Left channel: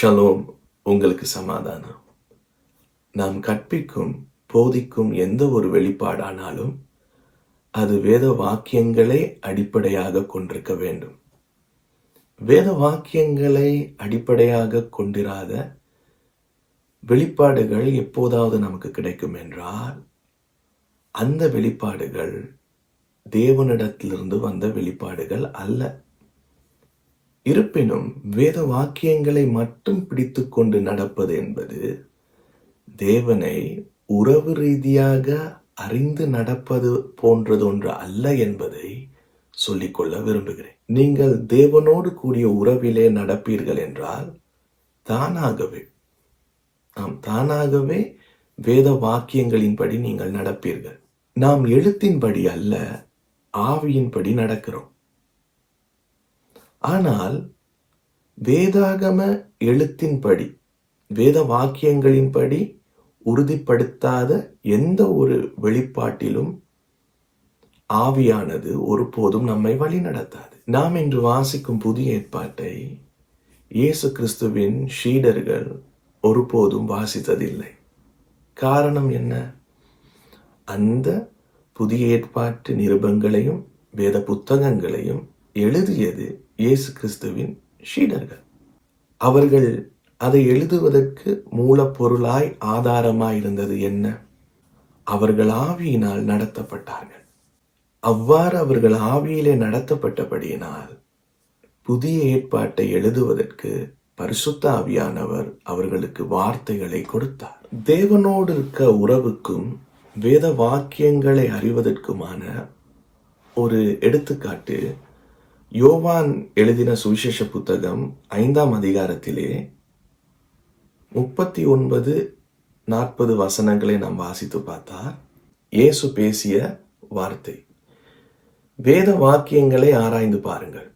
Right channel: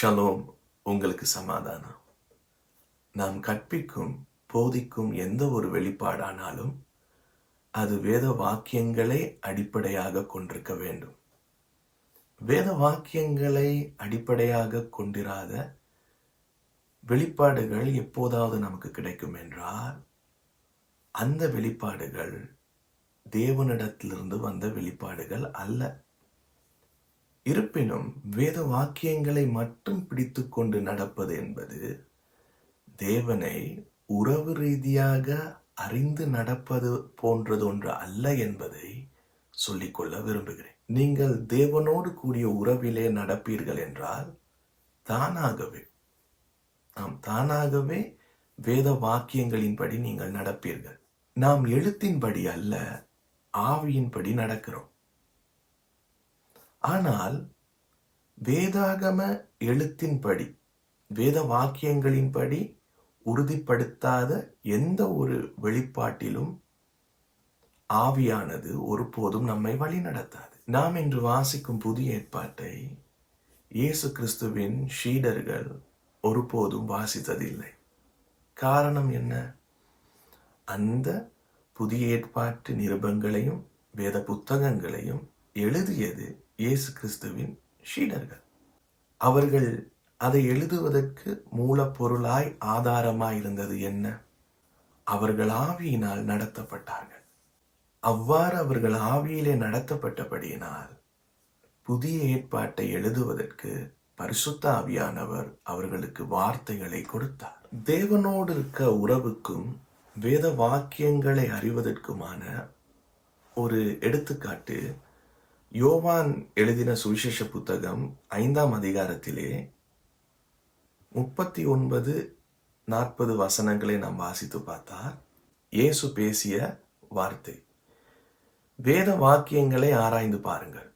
Shalom உங்களுக்கு சமாதானம். நாம் கற்பிக்கும் போதிக்கும் எந்த ஒரு வெளிப்பாடானாலும் அது வேத வாக்கியங்களை அடிப்படையாக கொண்டிருக்க வேண்டும். வேத வாக்கியங்களை அடிப்படையாக கொண்டிராத வெளிப்பாடுகள் எப்போதாவது நமக்கு கிடைக்கும் என்றால் அந்த வெளிப்பாடுகள் தேவனிடத்திலிருந்து வந்த வெளிப்பாடுகள் அல்ல. இருப்பினும் வேத வாக்கியங்களை மட்டும் பிடித்து கொண்டு நடப்பது என்பது தேவனை உறவு ரீதியாக அறிந்து நடப்பது போன்றது ஒன்று அல்ல என்பதை சொல்லிக்கொள்ள விரும்புகிறேன். நீங்கள் தேவனோடு கூடிய உறவிலே நடப்பீர்கள் என்றால் தானாகவே நாம் தானாகவே வேத வாக்கியங்களின்படி நீங்கள் நடப்பீர்கள். நாம் எழுத்தின்படி அல்ல ஆவியின்படி நடக்கிறோம். ஆனால் வேதாகம எழுத்தின்படி வேத வாக்கியங்களின்படி உறுதிப்படுத்தாத எந்த ஒரு வெளிப்பாட்டிலும் ஆவியானது ஒருபோதும் நம்மை வழிநடத்தாது. நாம் இன்று வாசிக்கும் புதிய ஏற்பாட்டை இயேசு கிறிஸ்துவின் ஷீடர்கள் ஒருபோதும் வாசித்ததில்லை. காரணம் என்ன? அந்த புதிய ஏற்பாட்டு நிருபங்களையும் வேத புத்தகங்களையும் எழுதியது இயேசு கிறிஸ்துவின் ஷீடர்கள் அவர்கள் அதை எழுதுவதற்கு மூலப்பொருளாய் ஆதாரமாய் இருந்தது என்ன? அவர்கள் ஆவியினால் நடத்தப்பட்டார்கள். அவ்வாறு அவர்கள் ஆவியிலே நடத்தப்பட்டபடியினால் புதிய ஏற்பாட்டை எழுதுவதற்கு பரிசுத்த ஆவியானவர் அவர்களுக்கு வார்த்தைகளை கொடுத்தார். தேவனோடு இருக்க உறவுக்கும் வேத வாக்கியங்களை அறிவதற்குமான ஒரு எடுத்துக்காட்டு யோவான் எழுதின சுவிசேஷ புத்தகம் ஐந்தாம் அதிகாரத்திலே முப்பத்தி ஒன்பது நாற்பது வசனங்களை நாம் வாசித்து பார்த்தா இயேசு பேசிய வார்த்தை. வேத வாக்கியங்களை ஆராய்ந்து பாருங்கள்.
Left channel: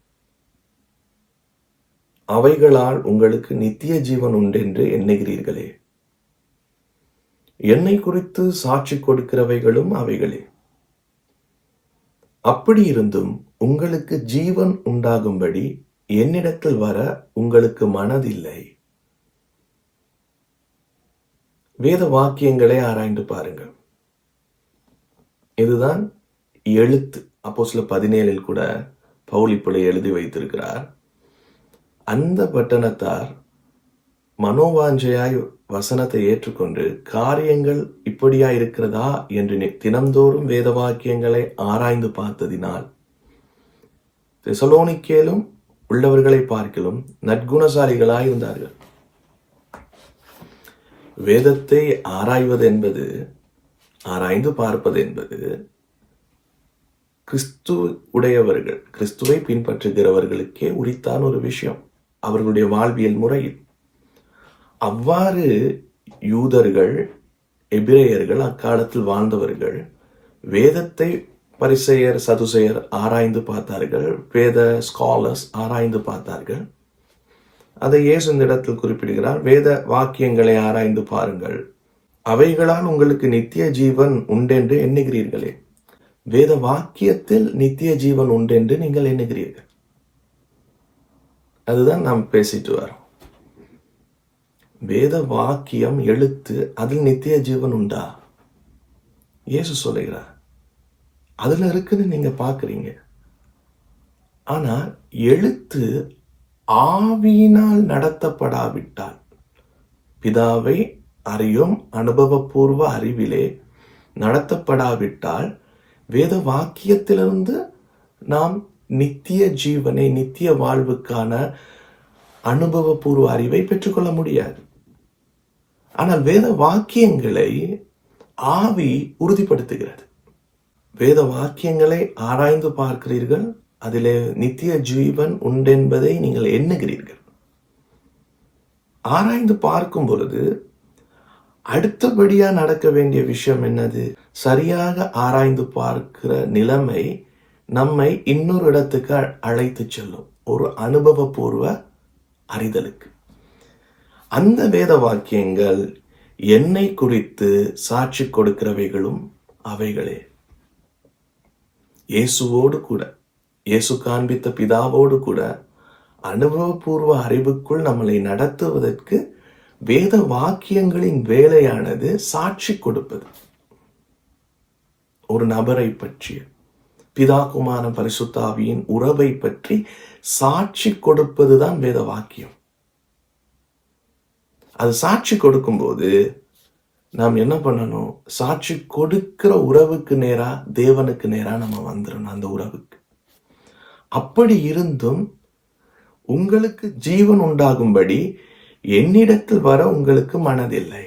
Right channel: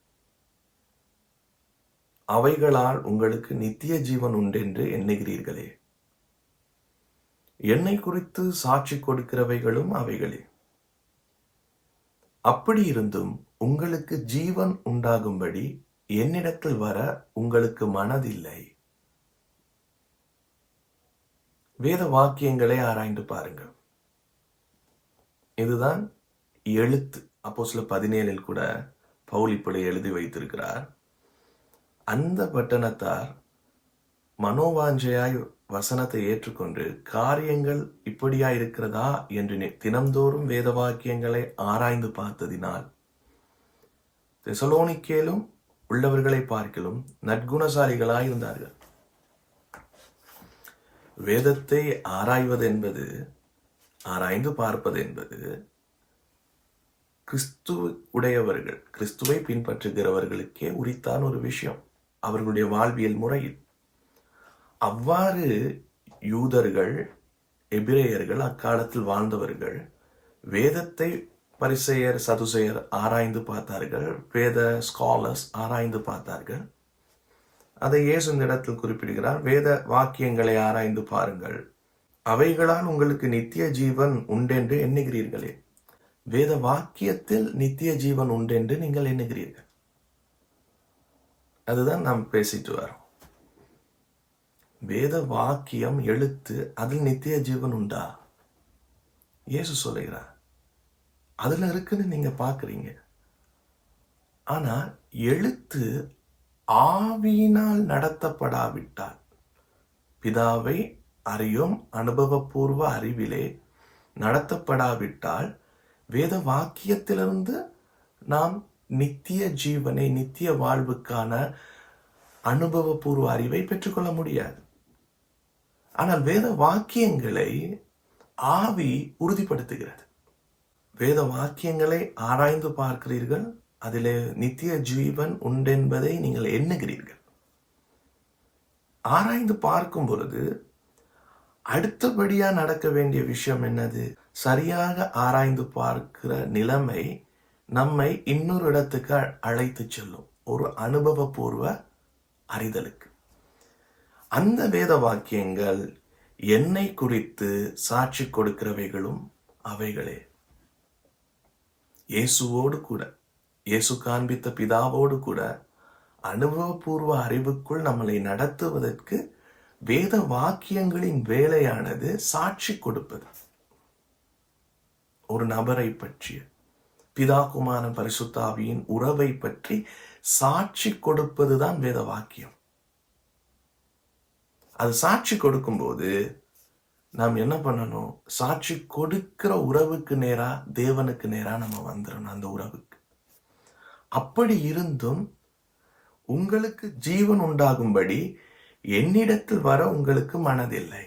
அவைகளால் உங்களுக்கு நித்திய ஜீவன் உண்டென்று எண்ணுகிறீர்களே. என்னை குறித்து சாட்சி கொடுக்கிறவைகளும் அவைகளே. அப்படி இருந்தும் உங்களுக்கு ஜீவன் உண்டாகும்படி என்னிடத்தில் வர உங்களுக்கு மனதில்லை. வேத வாக்கியங்களை ஆராய்ந்து பாருங்கள். இதுதான் எழுத்து. அப்போ சில பதினேழில் கூட பவுல் எழுதி வைத்திருக்கிறார். அந்த பட்டணத்தார் மனோவாஞ்சையாய் வசனத்தை ஏற்றுக்கொண்டு காரியங்கள் இப்படியா இருக்கிறதா என்று தினந்தோறும் தினம்தோறும் வேத வாக்கியங்களை ஆராய்ந்து பார்த்ததினால் தெசலோனிக்கேலும் உள்ளவர்களை பார்க்கலும் நற்குணசாலிகளாய் இருந்தார்கள். வேதத்தை ஆராய்வது என்பது ஆராய்ந்து பார்ப்பது என்பது கிறிஸ்து உடையவர்கள் கிறிஸ்துவை பின்பற்றுகிறவர்களுக்கே உரித்தான ஒரு விஷயம். அவர்களுடைய வாழ்வியல் முறையில் அவ்வாறு யூதர்கள் எபிரேயர்கள் அக்காலத்தில் வாழ்ந்தவர்கள் வேதத்தை பரிசெயர் சதுசெயர் ஆராய்ந்து பார்த்தார்கள் வேத ஸ்காலர்ஸ் ஆராய்ந்து பார்த்தார்கள். அதை இயேசு இந்த இடத்தில் குறிப்பிடுகிறார் வேத வாக்கியங்களை ஆராய்ந்து பாருங்கள். அவைகளால் உங்களுக்கு நித்திய ஜீவன் உண்டென்று எண்ணுகிறீர்களே. வேத வாக்கியத்தில் நித்திய ஜீவன் உண்டென்று நீங்கள் எண்ணுகிறீர்கள். அதுதான் நாம் பேசிட்டு வரோம் வேத வாக்கியம் எழுத்து அதில் நித்திய ஜீவன் உண்டா இயேசு சொல்லுகிறார் அதில் இருக்குன்னு நீங்கள் பார்க்குறீங்க. ஆனால் எழுத்து ஆவியினால் நடத்தப்படாவிட்டால் பிதாவை அறியும் அனுபவபூர்வ அறிவிலே நடத்தப்படாவிட்டால் வேத வாக்கியத்திலிருந்து நாம் நித்திய ஜீவனை நித்திய வாழ்வுக்கான அனுபவபூர்வ அறிவை பெற்றுக்கொள்ள முடியாது. ஆனால் வேத வாக்கியங்களை ஆவி உறுதிப்படுத்துகிறது. வேத வாக்கியங்களை ஆராய்ந்து பார்க்கிறீர்கள் அதிலே நித்திய ஜீவன் உண்டென்பதை நீங்கள் எண்ணுகிறீர்கள். ஆராய்ந்து பார்க்கும் பொழுது அடுத்தபடியாக நடக்க வேண்டிய விஷயம் என்னது? சரியாக ஆராய்ந்து பார்க்கிற நிலைமை நம்மை இன்னொரு இடத்துக்கு அழைத்து செல்லும். ஒரு அனுபவபூர்வ அறிதலுக்கு. அந்த வேத வாக்கியங்கள் என்னை குறித்து சாட்சி கொடுக்கிறவைகளும் அவைகளே. இயேசுவோடு கூட இயேசு காண்பித்த பிதாவோடு கூட அனுபவபூர்வ அறிவுக்குள் நம்மளை நடத்துவதற்கு வேத வாக்கியங்களின் வேலையானது சாட்சி கொடுப்பது. ஒரு நபரை பற்றிய பிதா பரிசுத்தாவியின் உறவை பற்றி சாட்சி கொடுப்பதுதான் வேத வாக்கியம். அது சாட்சி கொடுக்கும்போது நாம் என்ன பண்ணணும்? சாட்சி கொடுக்கிற உறவுக்கு நேரா தேவனுக்கு நேரா நம்ம வந்துடணும் அந்த உறவுக்கு. அப்படி இருந்தும் உங்களுக்கு ஜீவன் உண்டாகும்படி என்னிடத்தில் வர உங்களுக்கு மனதில்லை.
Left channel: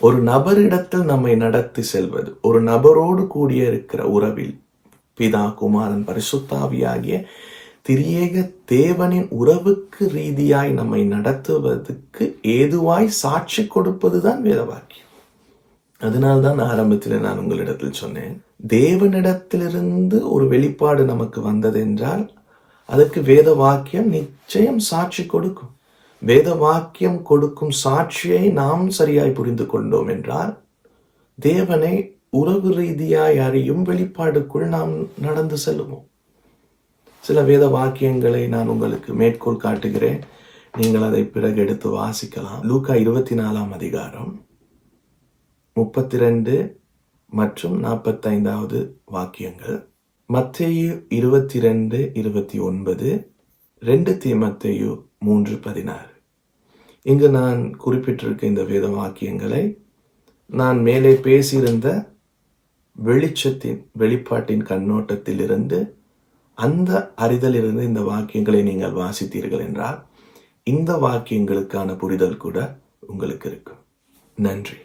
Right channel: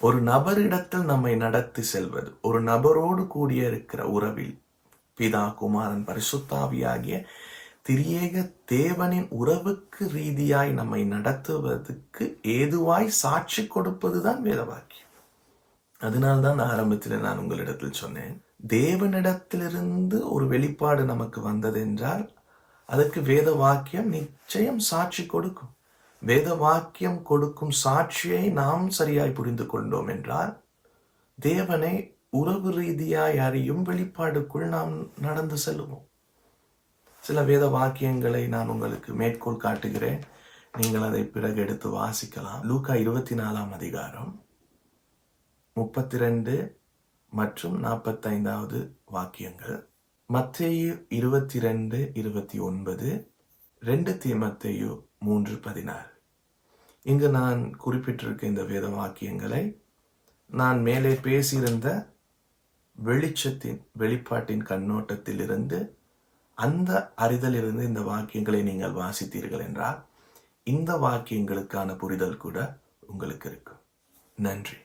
ஒரு நபரிடத்தில் நம்மை நடத்தி செல்வது ஒரு நபரோடு கூடிய இருக்கிற உறவில் பிதா குமாரன் பரிசுத்தாவியாகிய திரியேக தேவனின் உறவுக்கு ரீதியாய் நம்மை நடத்துவதற்கு ஏதுவாய் சாட்சி கொடுப்பதுதான் வேதவாக்கியம். அதனால்தான் ஆரம்பத்தில் நான் உங்களிடத்தில் சொன்னேன் தேவனிடத்திலிருந்து ஒரு வெளிப்பாடு நமக்கு வந்ததென்றால் அதற்கு வேத வாக்கியம் நிச்சயம் சாட்சி கொடுக்கும். வேத வாக்கியம் கொடுக்கும் சாட்சியை நாம் சரியாய் புரிந்து கொண்டோம் என்றால் தேவனை உறவு ரீதியாய் அறியும் வெளிப்பாடுக்குள் நாம் நடந்து செல்லுவோம். சில வேத வாக்கியங்களை நான் உங்களுக்கு மேற்கோள் காட்டுகிறேன். நீங்கள் அதை பிறகு எடுத்து வாசிக்கலாம். லூக்கா இருபத்தி நாலாம் அதிகாரம் முப்பத்தி ரெண்டு மற்றும் நாற்பத்தைந்தாவது வாக்கியங்கள். மத்தேயு இருபத்தி ரெண்டு இருபத்தி ஒன்பது ரெண்டு தீமத்தேயு மூன்று பதினாறு. இங்கு நான் குறிப்பிட்டிருக்க இந்த வேத வாக்கியங்களை நான் மேலே பேசியிருந்த வெளிச்சத்தின் வெளிப்பாட்டின் கண்ணோட்டத்திலிருந்து அந்த அறிதலிருந்து இந்த வாக்கியங்களை நீங்கள் வாசித்தீர்கள் என்றால் இந்த வாக்கியங்களுக்கான புரிதல் கூட உங்களுக்கு இருக்கும். நன்றி.